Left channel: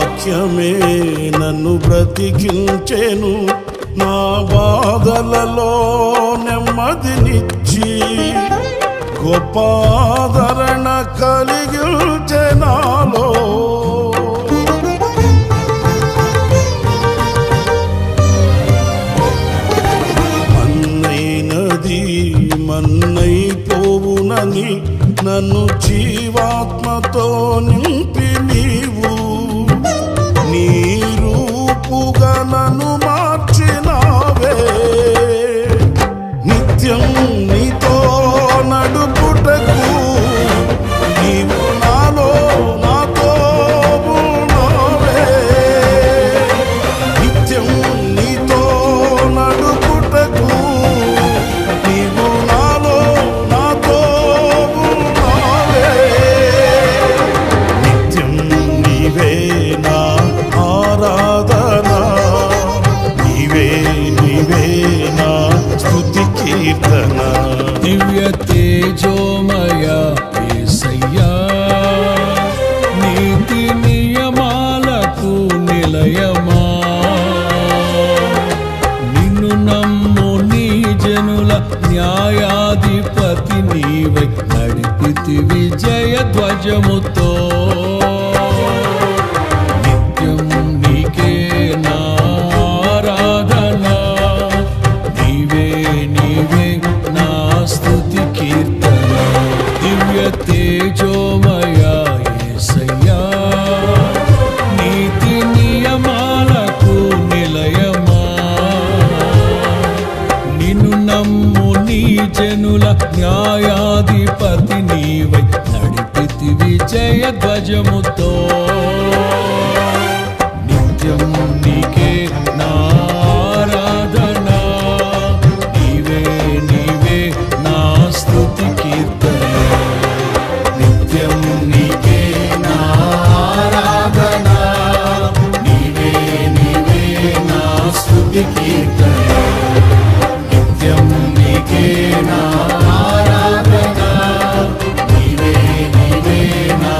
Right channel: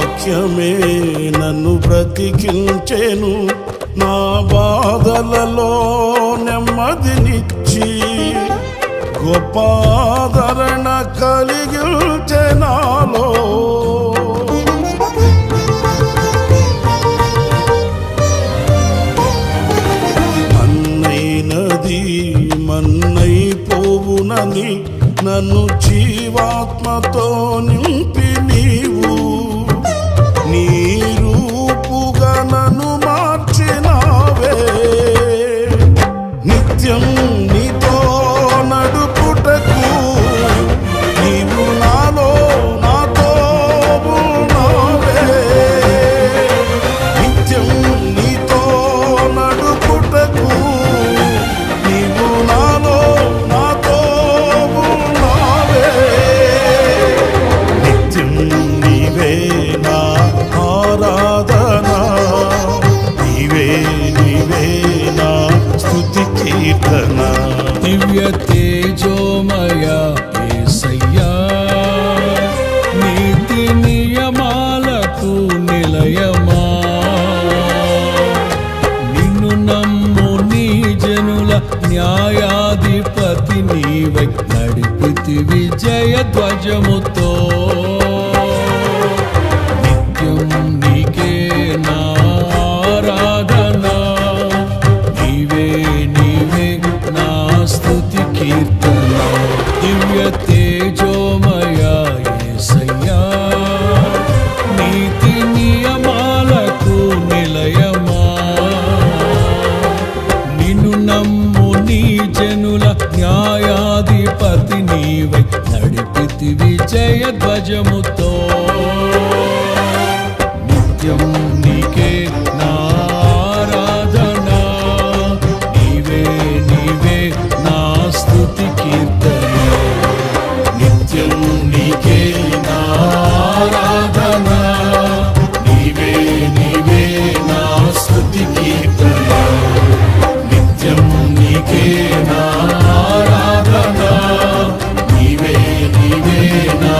వాక్యమే నన్ను బ్రతికించెను, నా బాధలలో నెమ్మదినిచ్చి గొప్ప ఆదరణ కలిగించె నాలో. మన్నైనది మన్నైపోవునని నన్ను జీవాత్మతో నింపి నీవు నీ రూపుగా నన్ను మార్చినావే. నిత్యం నీతో నడుపుటకు నీవు నాలో నాతో ఉన్నావే. నిత్యం నీతో నడుపుటకు నీవు నాలో నాతో ఉన్నావే. నిత్యం నీవే నా ఆరాధన, నీవే నీవే నా స్తుతి కీర్తన. దివ్య తేజోమయ యేసయ్యా, నీతి నియమాలకు నిలయమా, నిన్ను నమ్ము నీ జనుల న్యాయాధిపతి నీవై నడిపితివి జయ ధ్వజముతో. నిత్యం నీకే నా ఆరాధన, నీవే నీవే నా స్తుతి కీర్తన. దివ్య తేజోమయ యేసయ్యా, నీతి నియమాలకు నిలయమా, నిన్ను నమ్ము నీ జనుల న్యాయాధిపతి నీవై నడిపితివి జయ ధ్వజముతో. నిత్యం నీకే నా ఆరాధన, నీవే నీవే నా స్తుతి కీర్తన. నిత్యం నీకే నా ఆరాధన, నీవే నీవే నా స్తుతి కీర్తన. నిత్యం నీకే నా ఆరాధన, నీవే నీవే నా